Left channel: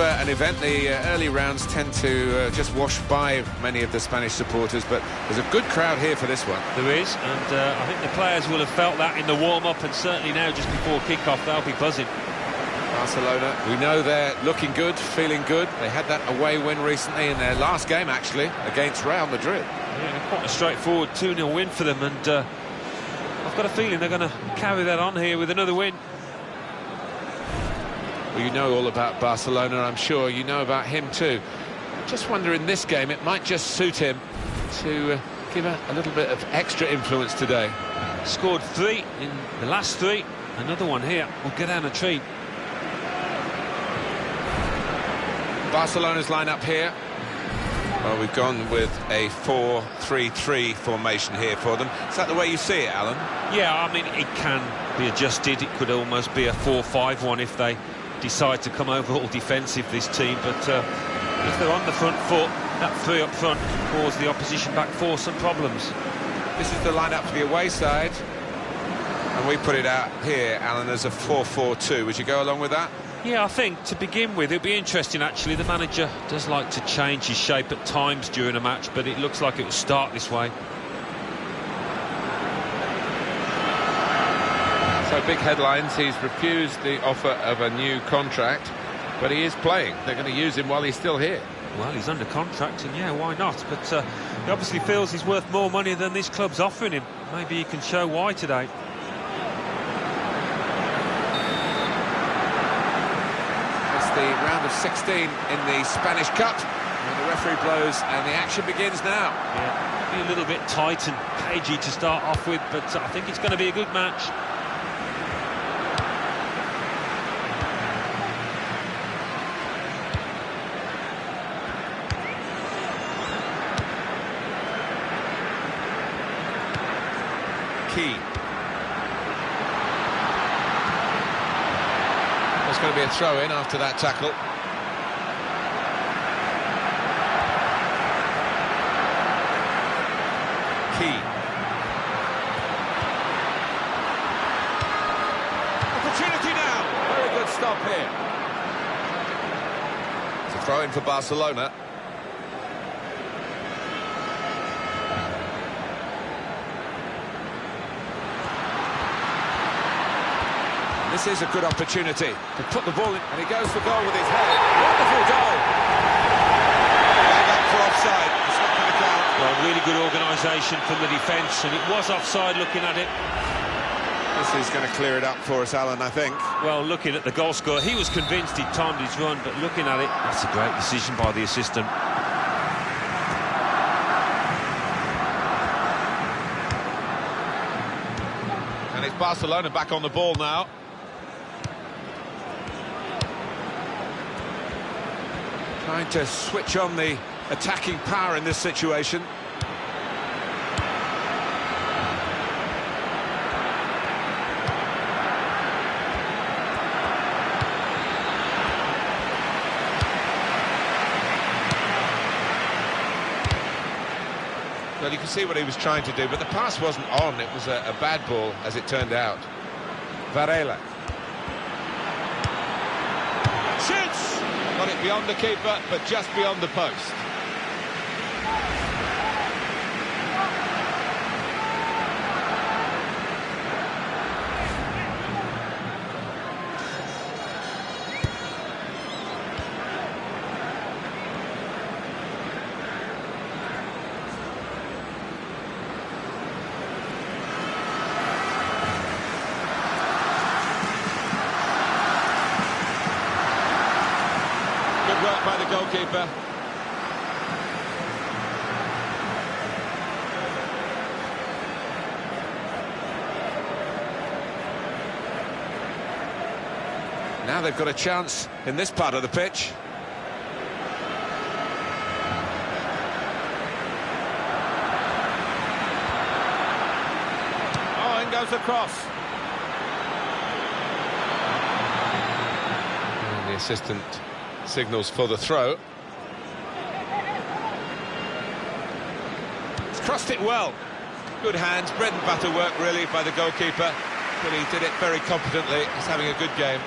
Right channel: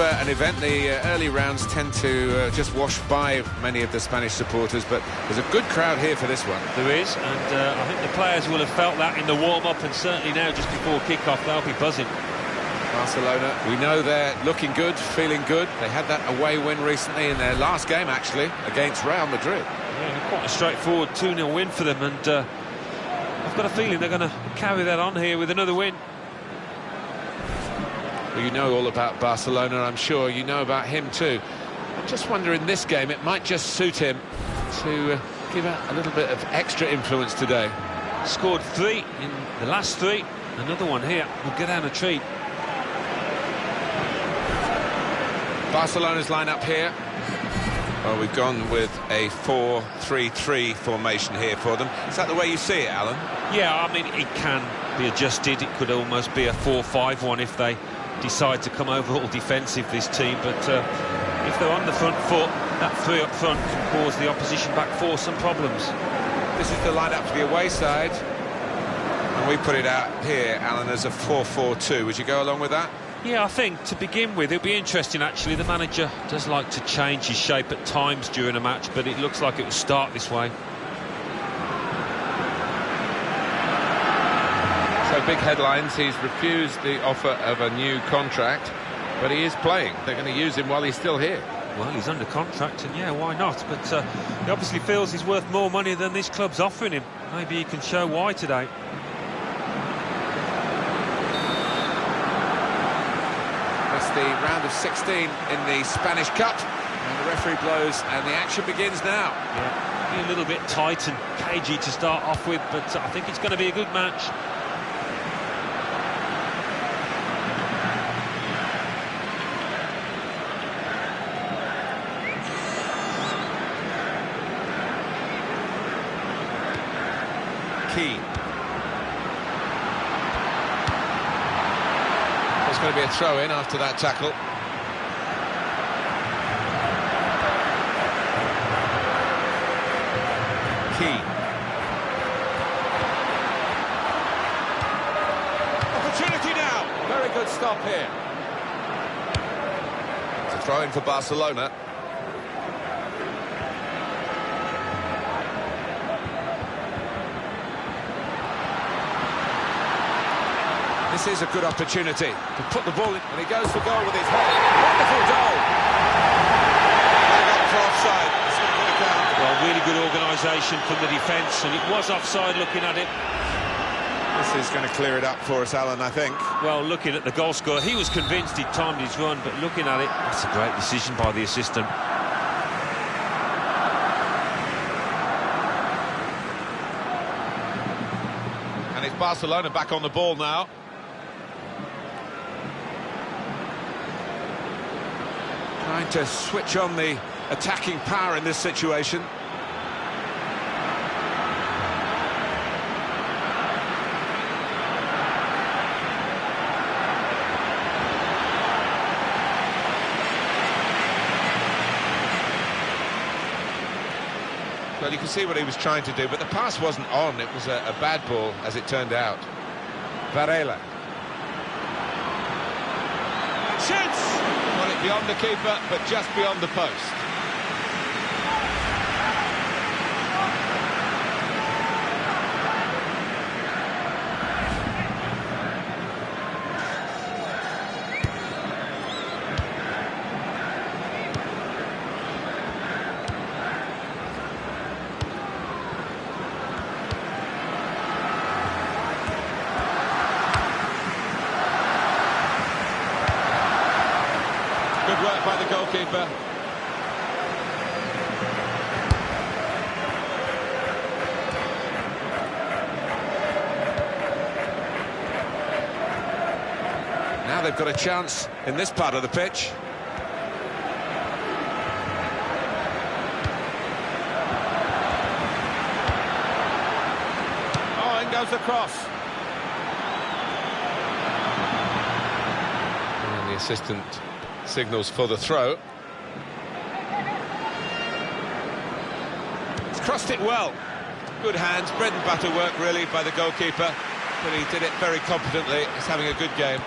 An event, the early rounds tend to just wash by many of the Spanish supporters, but there's a good crowd here for this one. There is, and I think the players will have felt that in the warm-up, and certainly now just before kick-off they'll be buzzing. Barcelona, we know they're looking good, feeling good. They had that away win recently in their last game, actually, against Real Madrid. Yeah, quite a straightforward 2-0 win for them, and I've got a feeling they're going to carry that on here with another win. Well, you know all about Barcelona, I'm sure. You know about him too. I just wonder in this game it might just suit him to give a little bit of extra influence today. Scored 3 in the last 3. Another one here will get down a treat. Barcelona's line-up here. Well, we've gone with a 4-3-3 formation here for them. Is that the way you see it, Alan? Yeah, I mean, it can be adjusted. It could almost be a 4-5-1 if they decide to come over all defensive, this team, but if they're on the front foot, that 3 up front can cause the opposition back 4 some problems. This is the line-up to the away side, and we put it out here, Alan, as a 4-4-2. Would you go along with that? Yeah, I think to begin with it'll be interesting actually. The manager does like to change his shape at times during a match, but it looks like it will start this way. So big headlines, he's refused the offer of a new contract, but he is playing. They're going to use him while he's still here. Well, he's under contract, and yeah, why not? But he obviously feels he's worth more money than this club's offering him. Maybe he can show why today. It's the round of 16 in the Spanish Cup, and the referee blows, and the action begins now. Yeah, be a little bit tight and cagey to start off with, but I think it's going to be a good match. There's going to be a throw-in after that tackle. Key. Opportunity now. Very good stop here. It's a throw-in for Barcelona. This is a good opportunity to put the ball in, and he goes for goal with his head. Wonderful goal. Flag up for offside. It's not going to count. Well, really good organisation from the defence, and it was offside looking at it. This is going to clear it up for us, Alan, I think. Well, looking at the goal scorer, he was convinced he'd timed his run, but looking at it, that's a great decision by the assistant. And it's Barcelona back on the ball now. Trying to switch on the attacking power in this situation. Well, you can see what he was trying to do, but the pass wasn't on. It was a bad ball, as it turned out. Varela. And shoots! Got it beyond the keeper, but just beyond the post. Good work by the goalkeeper. Now they've got a chance in this part of the pitch. Oh, in goes the cross. And the assistant signals for the throw. He's crossed it well. Good hands, bread and butter work really by the goalkeeper, but he did it very competently. He's having a good game.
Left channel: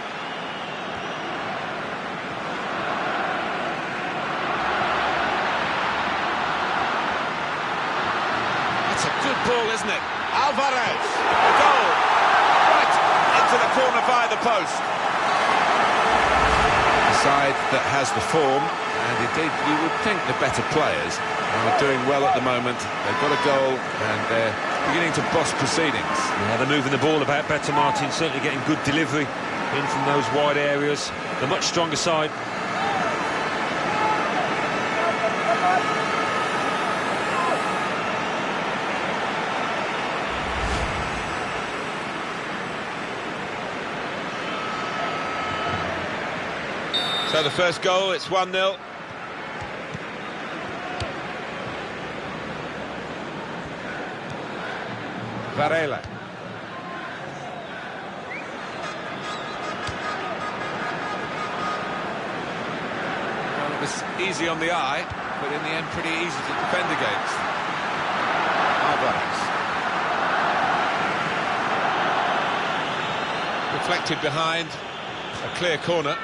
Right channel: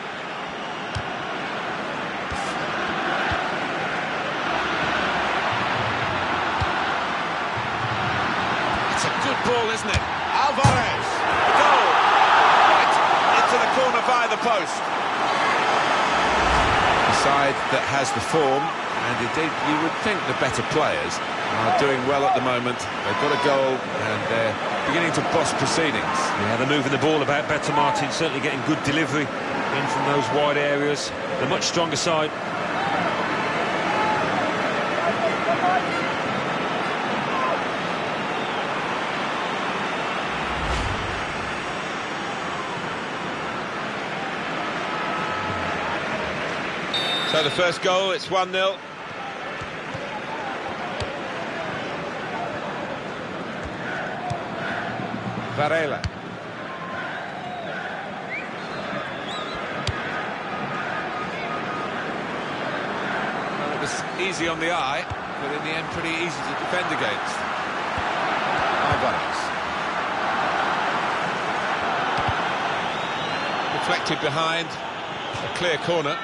That's a good ball, isn't it? Alvarez, the goal, right into the corner via the post. The side that has the form, and indeed you would think the better players, are doing well at the moment. They've got a goal and they're beginning to boss proceedings. Yeah, they're moving the ball about better, Martin, certainly getting good delivery in from those wide areas. The much stronger side. So the first goal, it's 1-0. Varela. Well, it was easy on the eye, but in the end pretty easy to defend against. Alvarez. Deflected behind, a clear corner.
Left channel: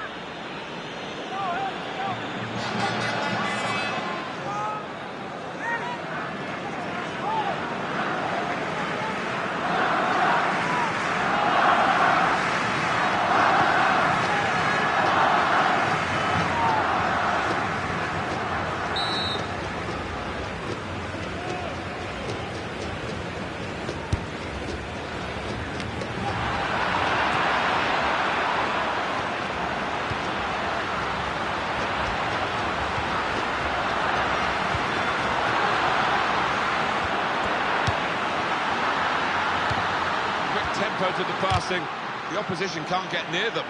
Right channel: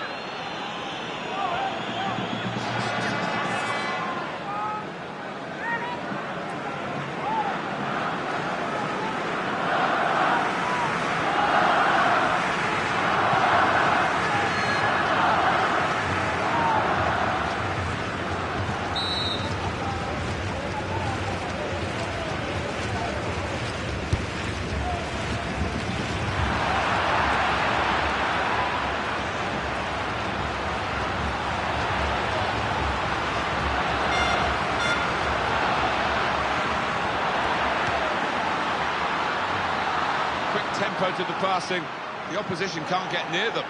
Tempo to the passing, the opposition can't get near them.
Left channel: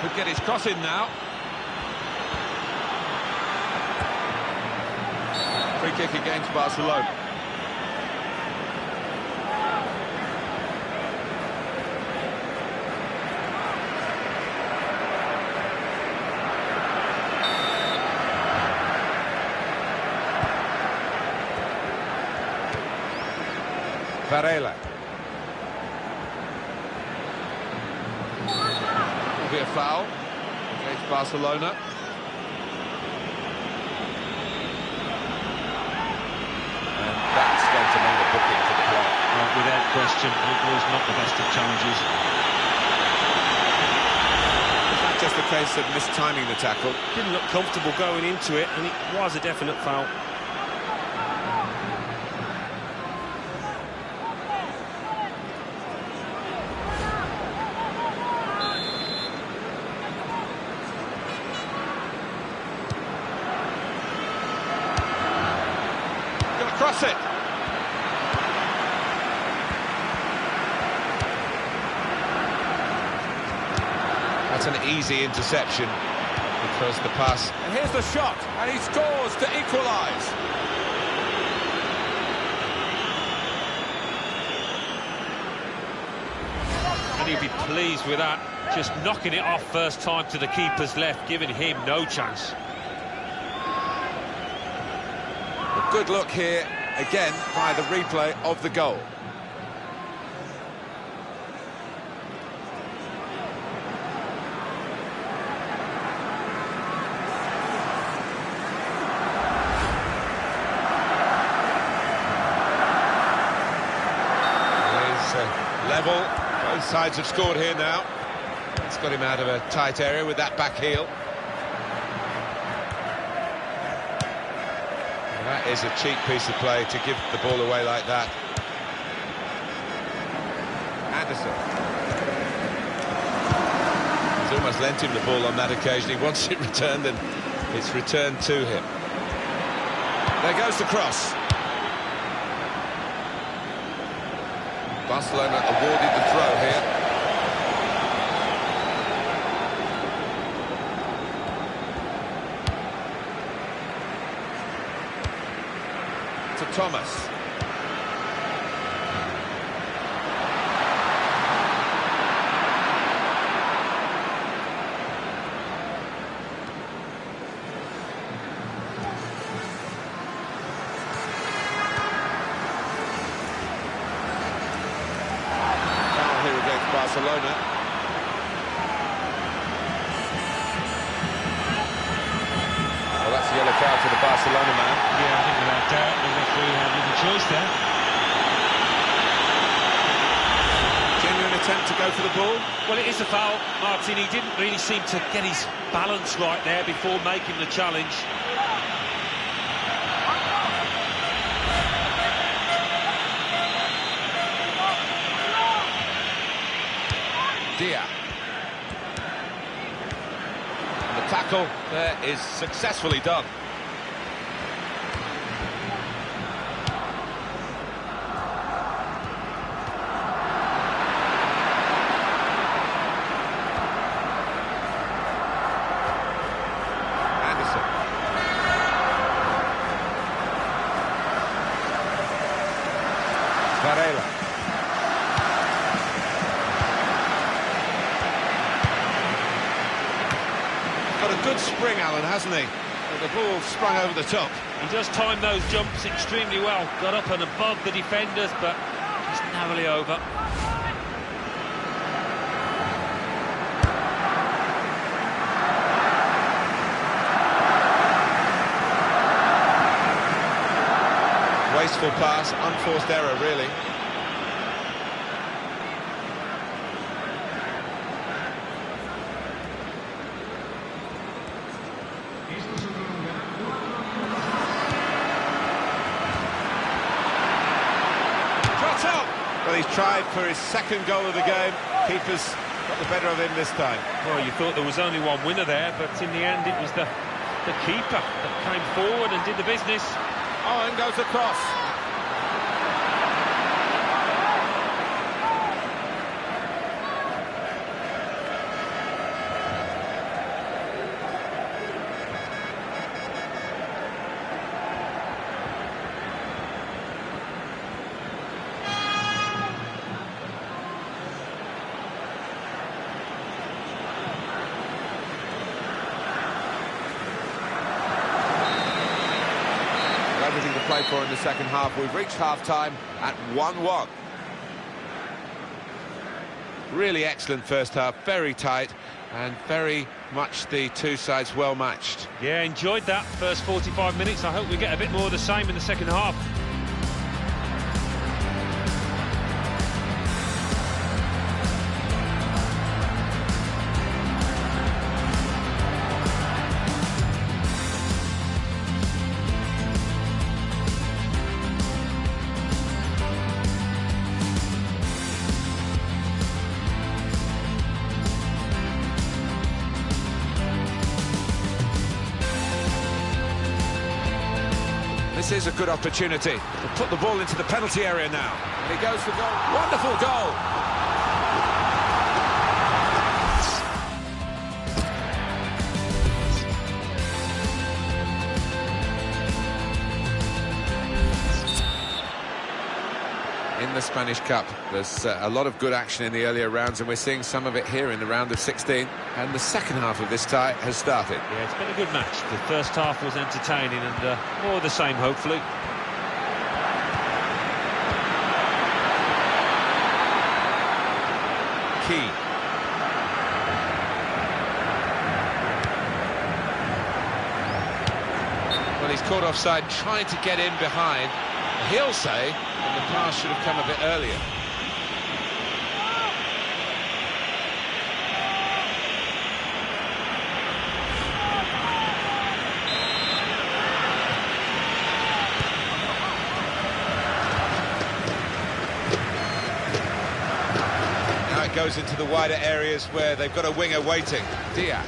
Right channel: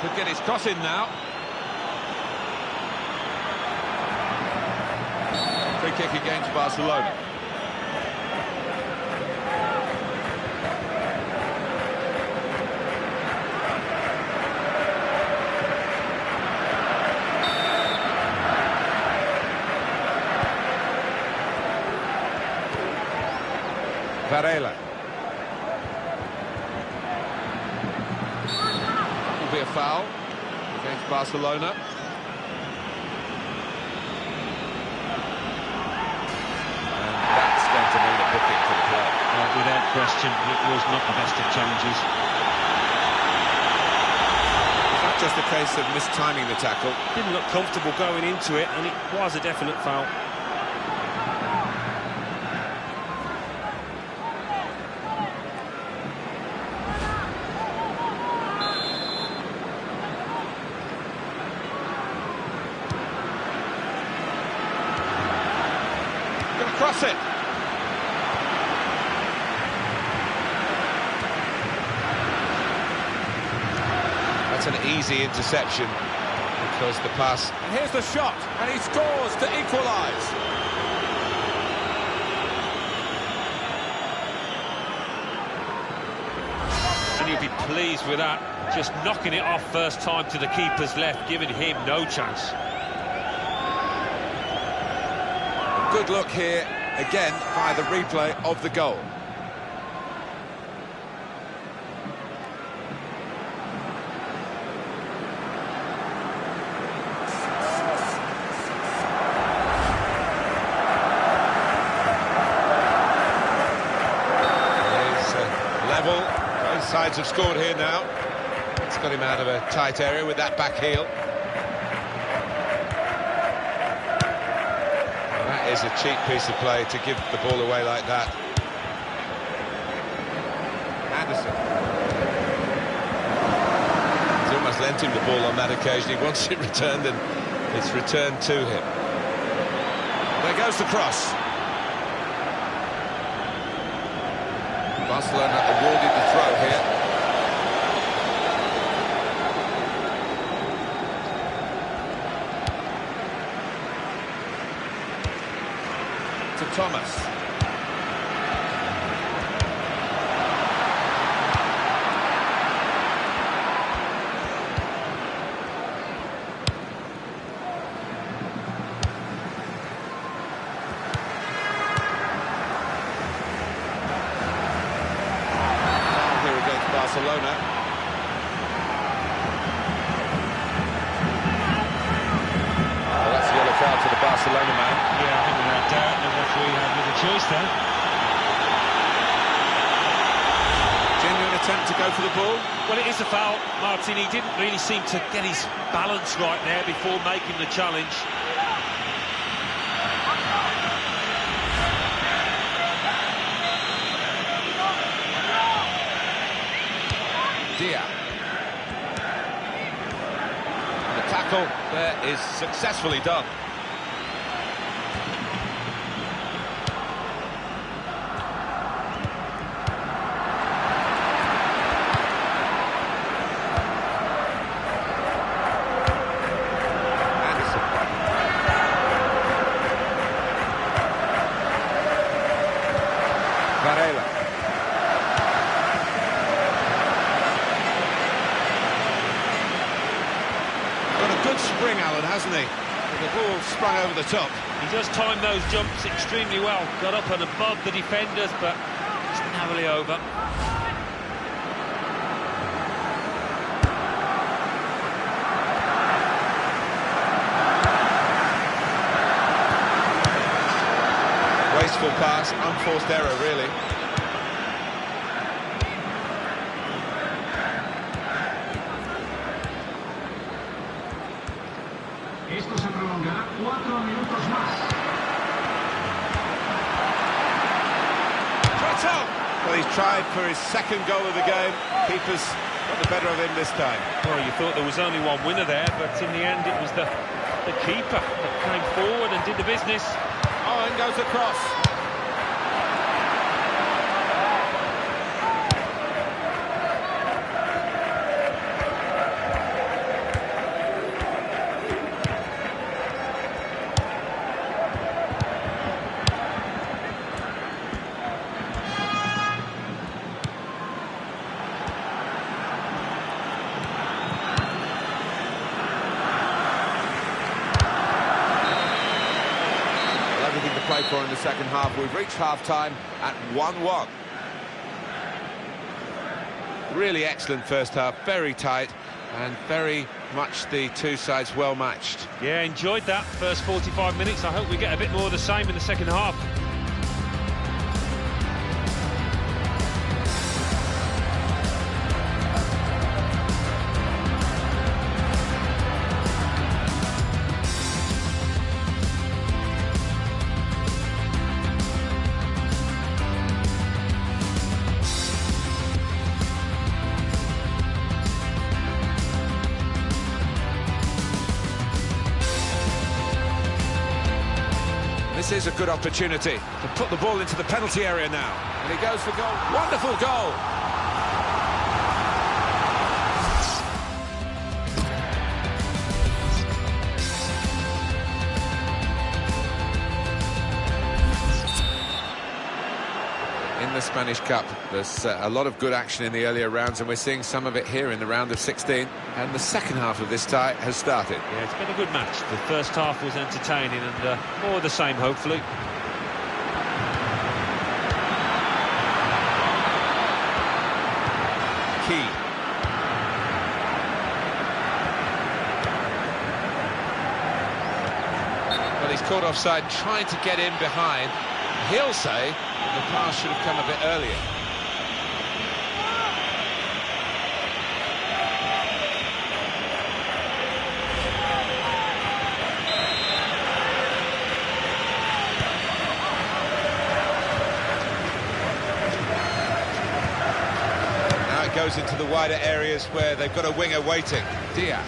Could get his cross in now. Free kick against Barcelona. Varela. Will be a foul against Barcelona. And that's going to mean a booking for the player. Without question, it was not the best of challenges. Was that just a case of mistiming the tackle? Didn't look comfortable going into it, and it was a definite foul. Going to cross it. That's an easy interception because the pass... And here's the shot, and he scores to equalise. And you'll be pleased with that. Just knocking it off first time to the keeper's left, giving him no chance. A good look here, again, via the replay of the goal. It is level. Both sides have scored here now. It's got him out of a tight area with that back heel. That is a cheap piece of play to give the ball away like that. Anderson. He's almost lent him the ball on that occasion. He wants it returned, and it's returned to him. There goes the cross. Barcelona awarded the throw here. To Thomas. Foul here against Barcelona. Well, that's a yellow card to the Barcelona man. Yeah, I think without doubt the referee had little choice there. attempt to go for the ball. Well, it is a foul, Martin. He didn't really seem to get his balance right there before making the challenge. Dia. The tackle there is successfully done. Varela. Got a good spring, Alan, hasn't he? With the ball sprung over the top. He does time those jumps extremely well. Got up and above the defenders, but just narrowly over. Wasteful pass, unforced error, really. Esto se prolongará 4 minutos más. Trotto! Well, he's tried for his second goal of the game. Keeper's got the better of him this time. Well, you thought there was only one winner there, but in the end it was the keeper that came forward and did the business. Oh, and goes across. Everything to play for in the second half. We've reached half-time at 1-1. Really excellent first half, very tight, and very much the two sides well matched. Yeah, enjoyed that first 45 minutes. I hope we get a bit more of the same in the second half. This is a good opportunity to put the ball into the penalty area now. And he goes for goal. Wonderful goal! In the Spanish Cup, there's a lot of good action in the earlier rounds, and we're seeing some of it here in the round of 16. And the second half of this tie has started. Yeah, it's been a good match. The first half was entertaining and more of the same, hopefully. Key. Well, he's caught offside, trying to get in behind. He'll say that the pass should have come a bit earlier. Now it goes into the wider areas where they've got a winger waiting. Dia.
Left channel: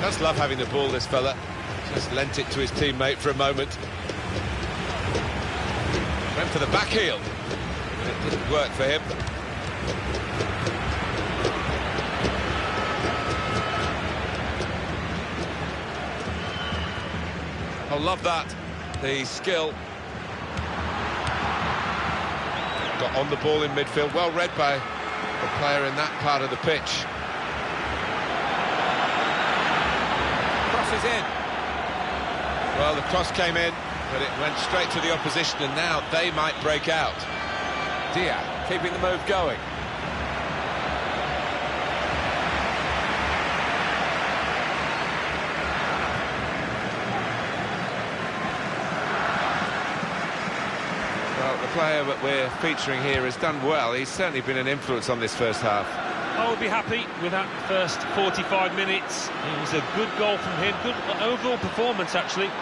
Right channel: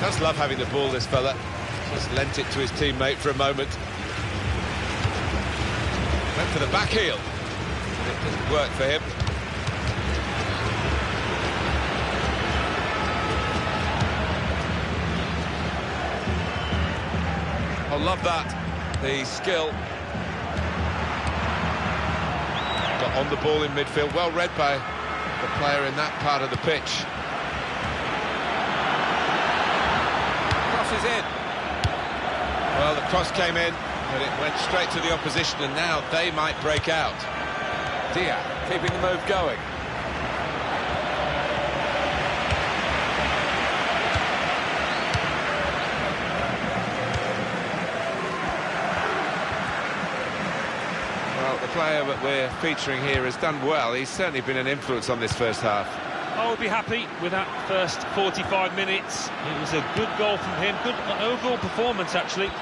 Does love having the ball, this fella. Just lent it to his teammate for a moment. Went for the back heel, but it didn't work for him. I love that, the skill. Got on the ball in midfield, well read by the player in that part of the pitch. Crosses in. Well, the cross came in, but it went straight to the opposition, and now they might break out. Dia keeping the move going. Well, Well, the player that we're featuring here has done well. He's certainly been an influence on this first half. I would be happy with that first 45 minutes. It was a good goal from him, good overall performance actually. And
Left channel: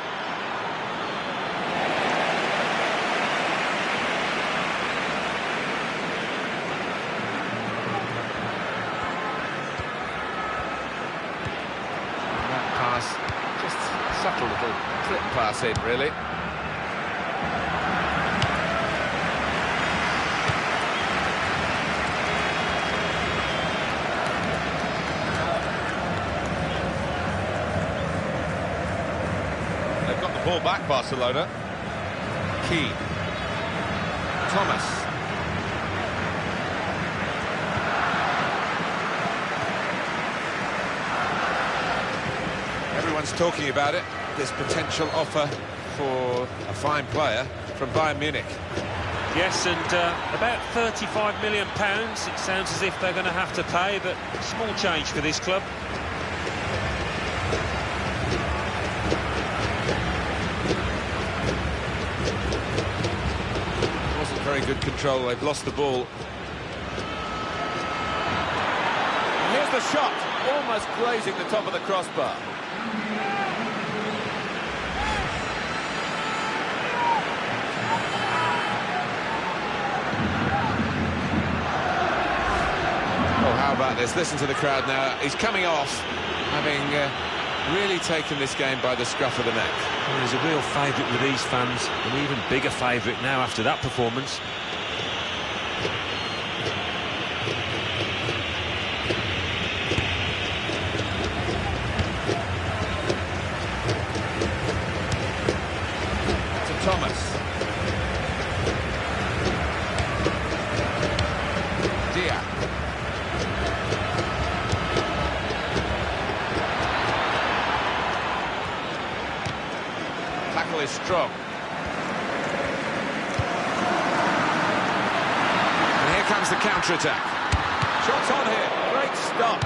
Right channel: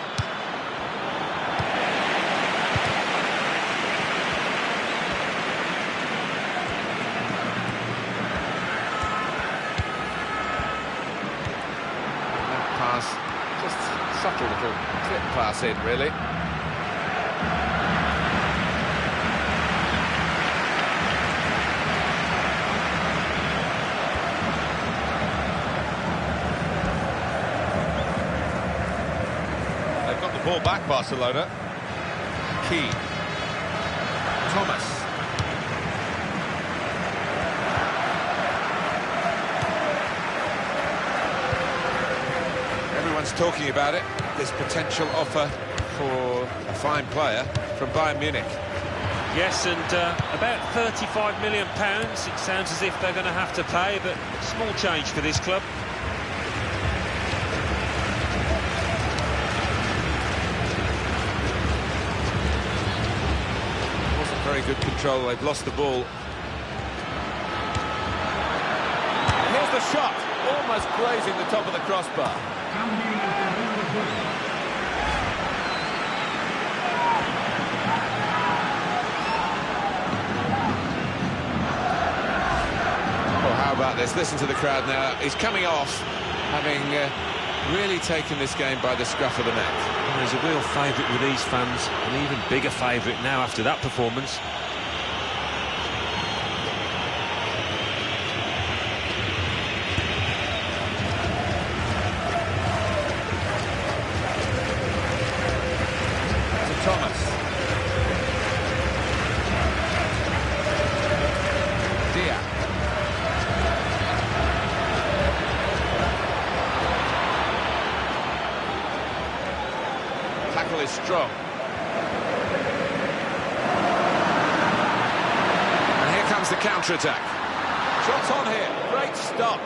that pass, just subtle little clip pass in, really. Got the ball back, Barcelona. Key. Thomas. Everyone's talking about it, this potential offer for a fine player from Bayern Munich. Yes, and about £35 million. It sounds as if they're going to have to pay, but small change for this club. Very good control, they've lost the ball. And here's the shot, almost grazing the top of the crossbar. Oh, how about this? Listen to the crowd now. He's coming off, having really taken this game by the scruff of the neck. Well, he's a real favourite with these fans, an even bigger favourite now after that performance. To Thomas. Dia. Tackle is strong. And here comes the counter-attack. Shots on here. Great stop.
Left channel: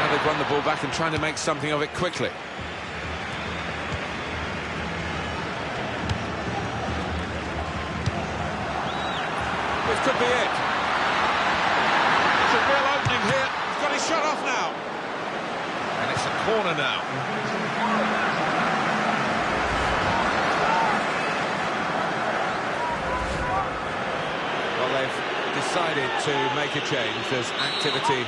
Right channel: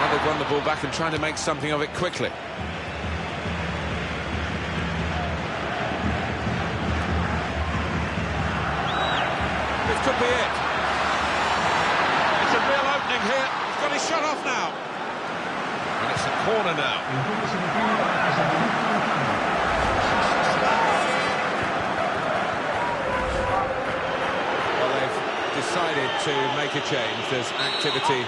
Now they've won the ball back and trying to make something of it quickly. This could be it. It's a real opening here. He's got his shot off now. And it's a corner now. Well, they've decided to make a change. There's activity.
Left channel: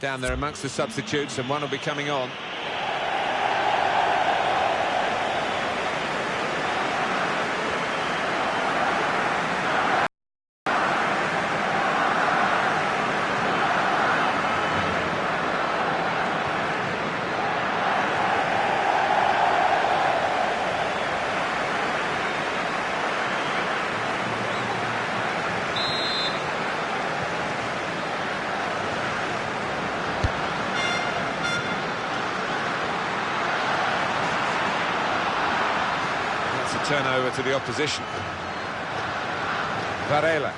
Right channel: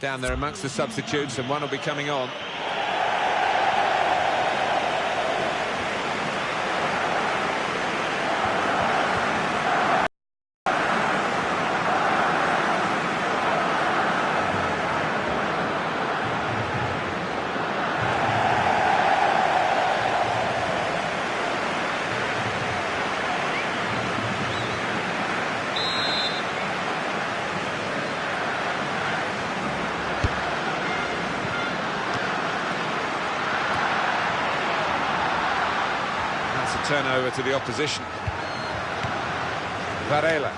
Down there amongst the substitutes, and one will be coming on. That's a turnover to the opposition. Varela.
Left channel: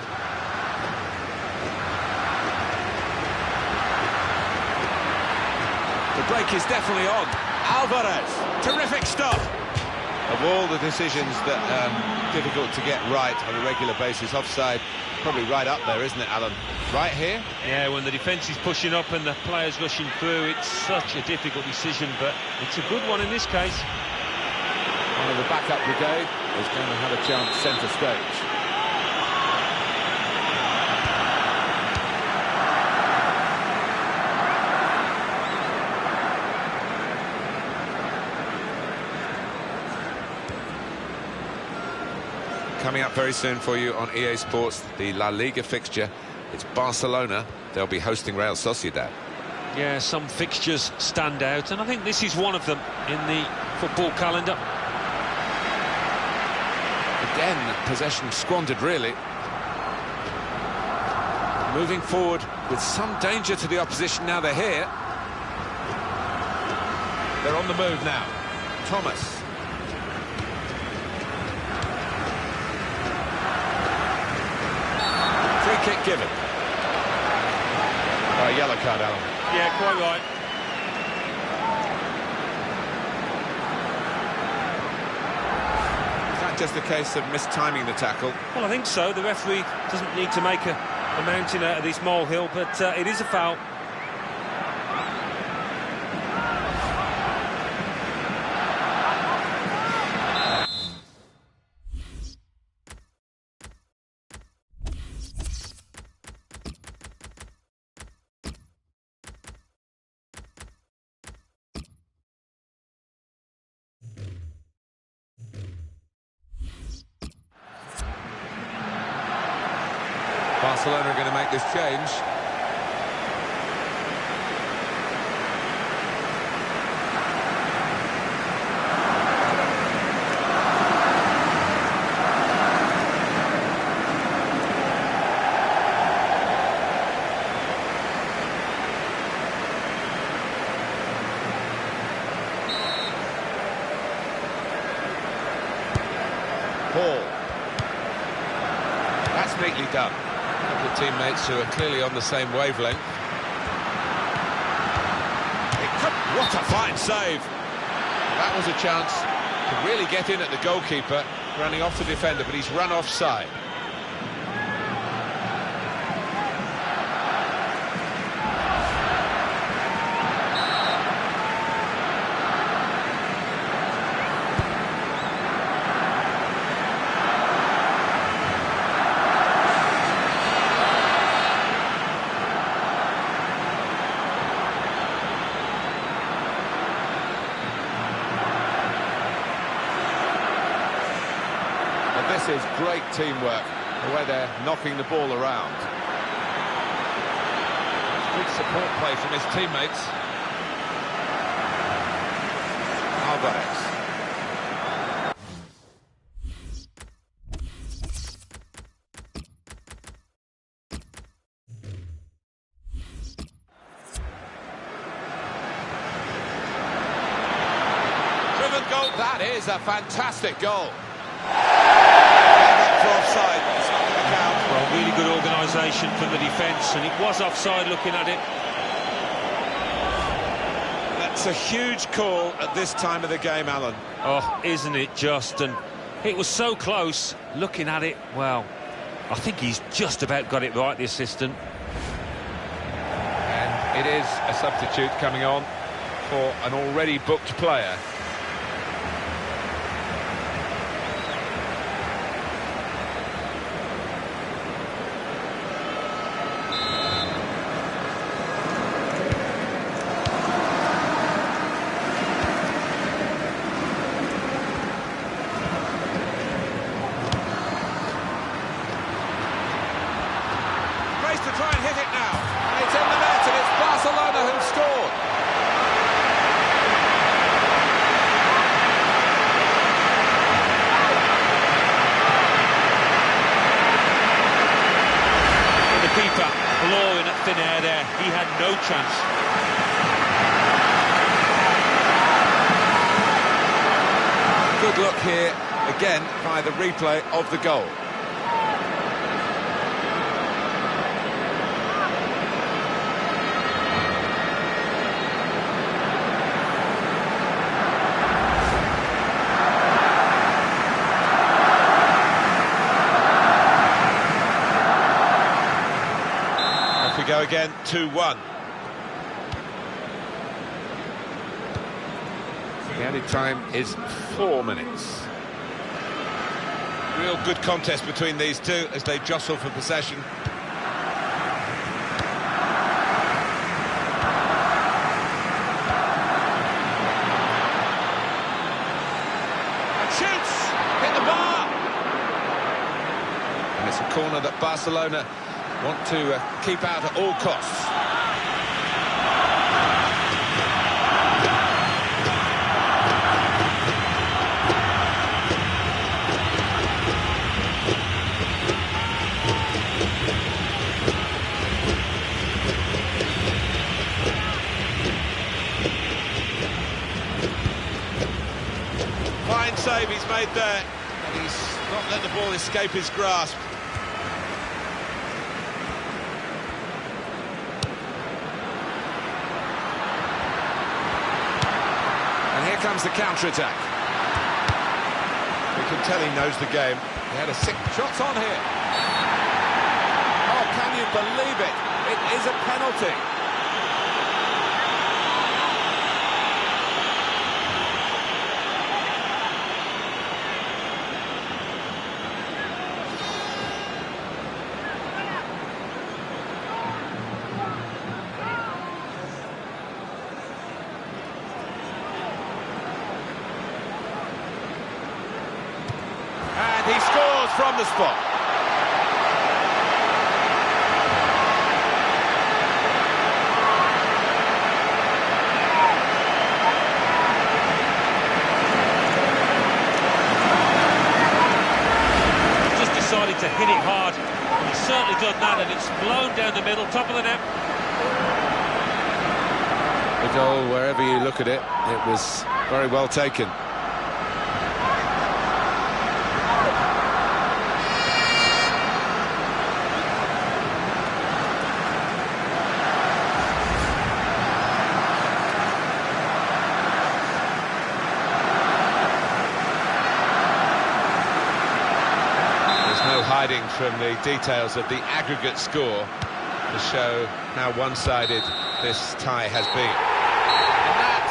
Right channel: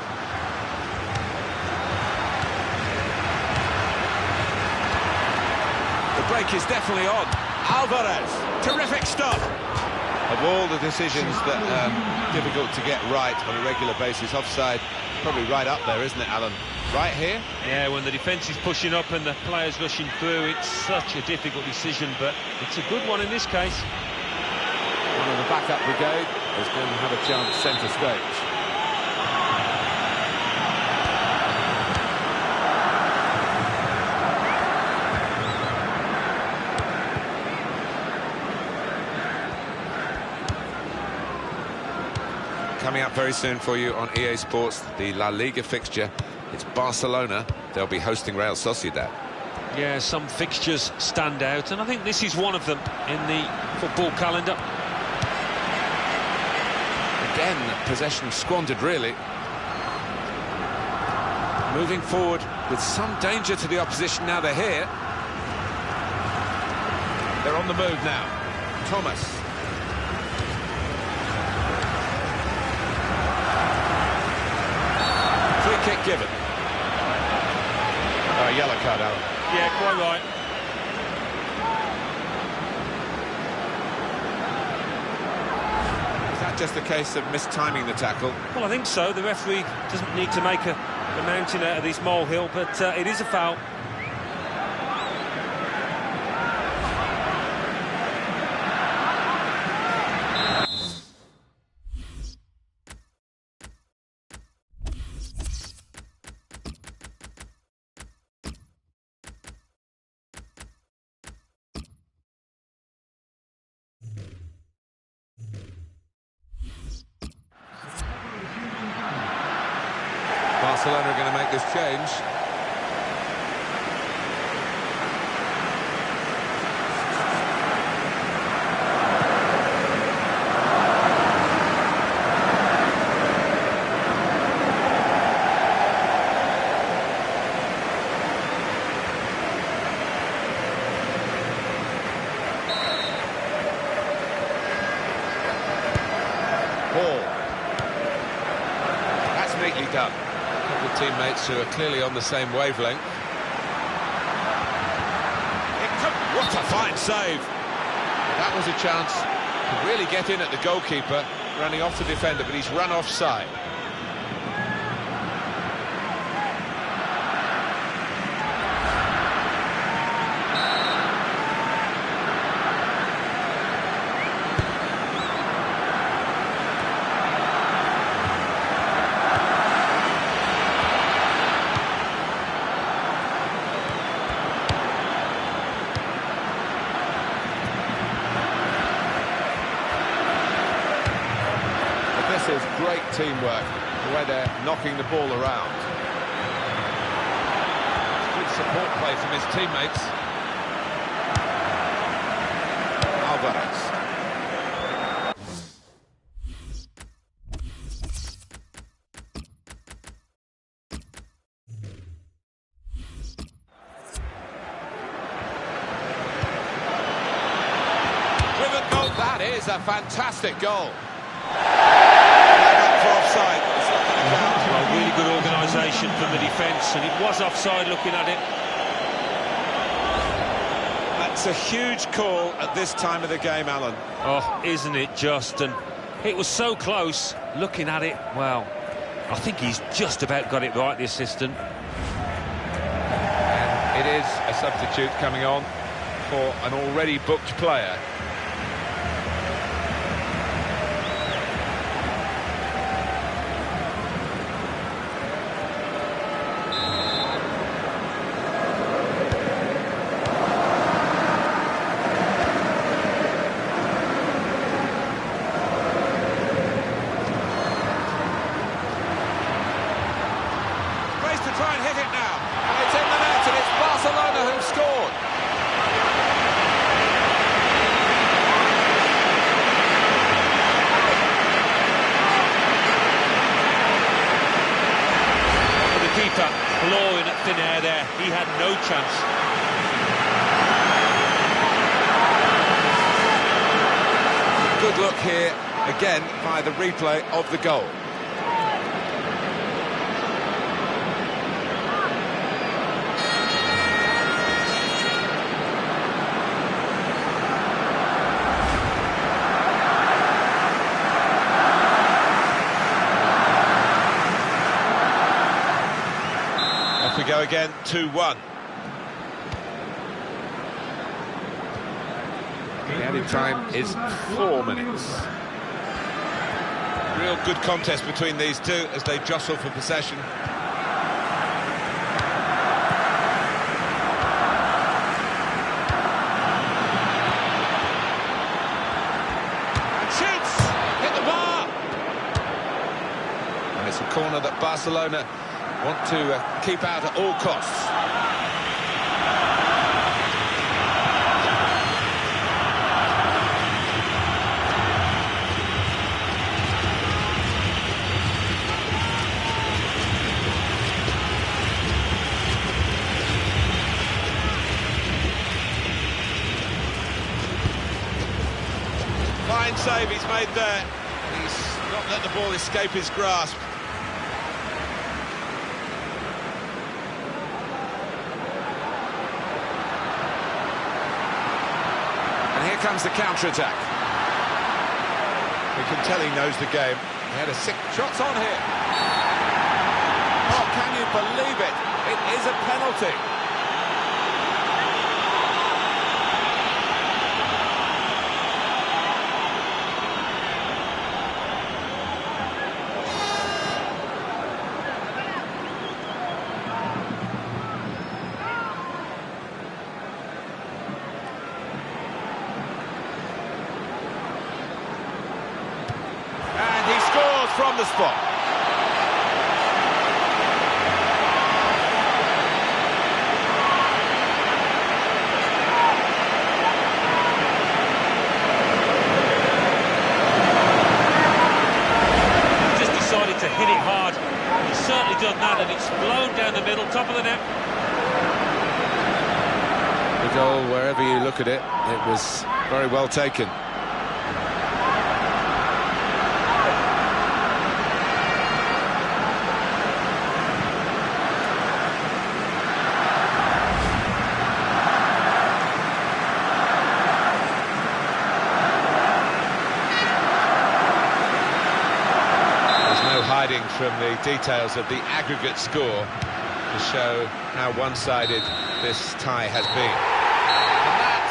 The break is definitely on. Alvarez. Terrific stop. Of all the decisions that are difficult to get right on a regular basis, offside probably right up there, isn't it, Alan? Right here? Yeah, when the defence is pushing up and the players rushing through, it's such a difficult decision, but it's a good one in this case. One of the backup brigade is going to have a chance centre stage. Coming up very soon for you on EA Sports, the La Liga fixture. It's Barcelona. They'll be hosting Real Sociedad. Yeah, some fixtures stand out, and I think this is one of them in the football calendar. Again, possession squandered, really. Moving forward with some danger to the opposition now they're here. They're on the move now. Thomas. Free kick given. Yellow card, Alan. Yeah, quite right. Is that just a case of mistiming the tackle? Well, I think so. The referee doesn't need to make a mountain out of this molehill, but it is a foul. Barcelona are going to make this change. Paul. That's neatly done. Couple of teammates who are clearly on the same wavelength. What a fine save! Well, that was a chance to really get in at the goalkeeper, running off the defender, but he's run offside. This is great teamwork, the way they're knocking the ball around. That's good support play from his teammates. Alvarez. Driven goal, that is a fantastic goal. For offside, it's not going to count. Well, really good organisation from the defence, and it was offside looking at it. That's a huge call at this time of the game, Alan. Oh, isn't it just? And it was so close, looking at it, well, I think he's just about got it right, the assistant. And it is a substitute coming on for an already booked player. To try and hit it now, and it's in the net, and it's Barcelona who've scored. But the keeper clawing at thin air there, he had no chance. Good look here, again, via the replay of the goal. Off we go again, 2-1. The added time is 4 minutes. Real good contest between these two as they jostle for possession. And shoots! Hit the bar! And it's a corner that Barcelona want to keep out at all costs. save he's made there, and he's not let the ball escape his grasp. And here comes the counter-attack. We can tell he knows the game. He had a 6 shots on here. Oh, can you believe it? It is a penalty. And he scores from the spot. He's just decided to hit it hard. He's certainly done that, and it's blown down the middle, top of the net. The goal, wherever you look at it, it was very well taken. There's no hiding from the details of the aggregate score to show how one-sided this tie has been. And that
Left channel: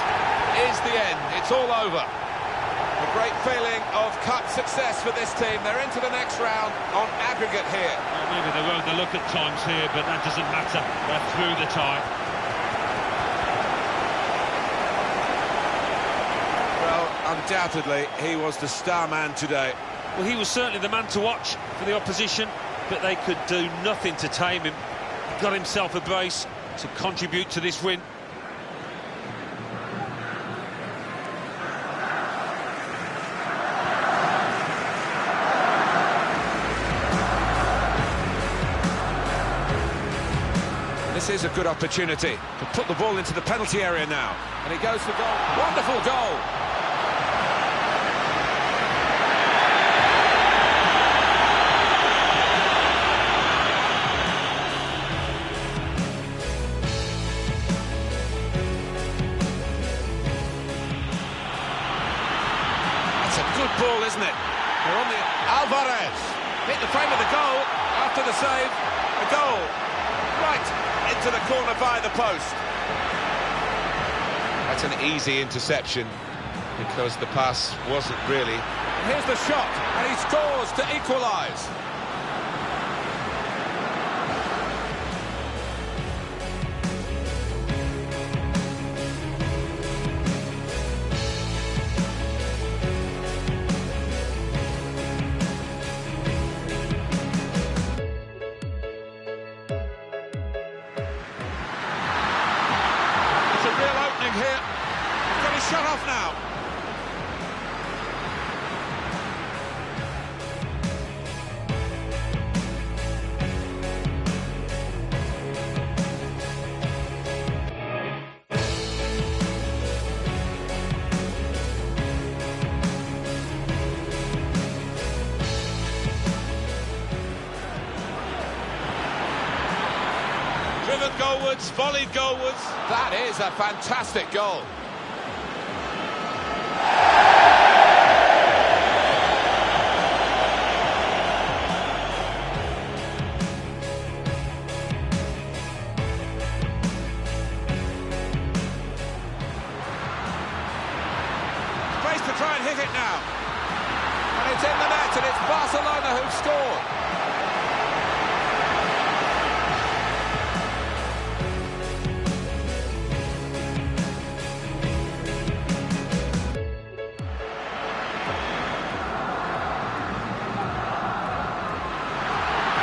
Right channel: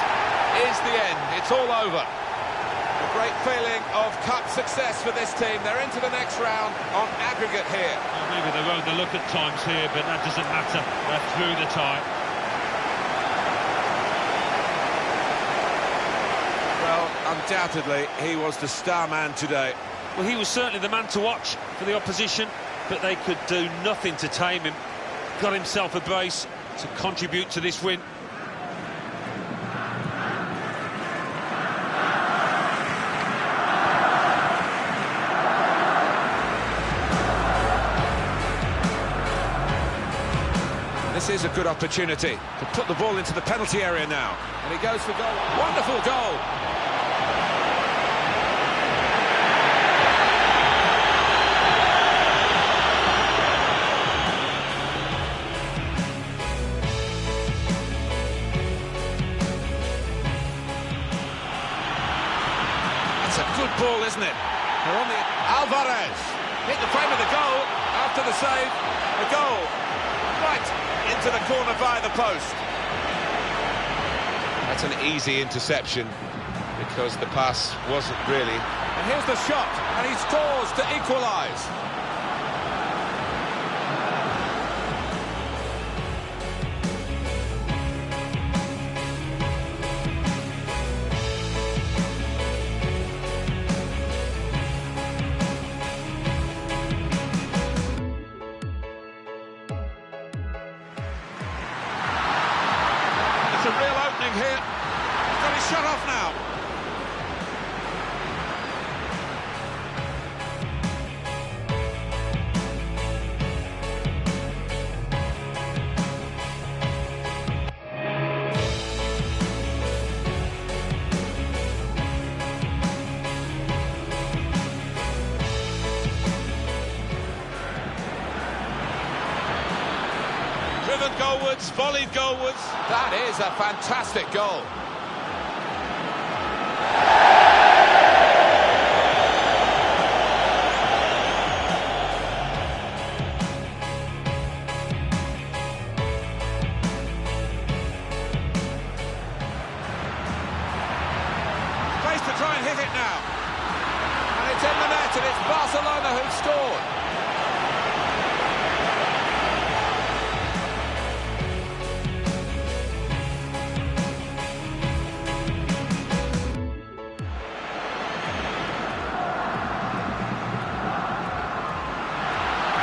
is the end. It's all over. A great feeling of cup success for this team. They're into the next round on aggregate here. Well, maybe they won't look at times here, but that doesn't matter. They're through the tie. Well, undoubtedly, he was the star man today. Well, he was certainly the man to watch for the opposition, but they could do nothing to tame him. Got himself a brace to contribute to this win. This is a good opportunity to put the ball into the penalty area now. And he goes for goal. Wonderful goal! That's a good ball, isn't it? They're on the... Alvarez hit the frame of the goal after the save. A goal right into the corner via the post. That's an easy interception because the pass wasn't really. And here's the shot, and he scores to equalise. It's a real opening here. He's got his shot off now. Driven goalwards, volleyed goalwards. That is a fantastic goal. Space to try and hit it now. And it's in the net, and it's Barcelona who've scored.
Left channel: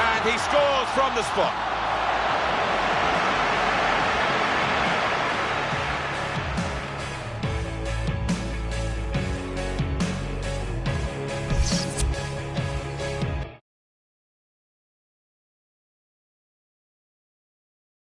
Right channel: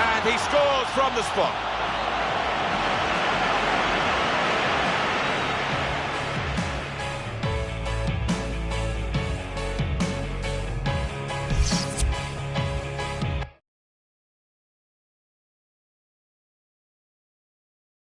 And he scores from the spot.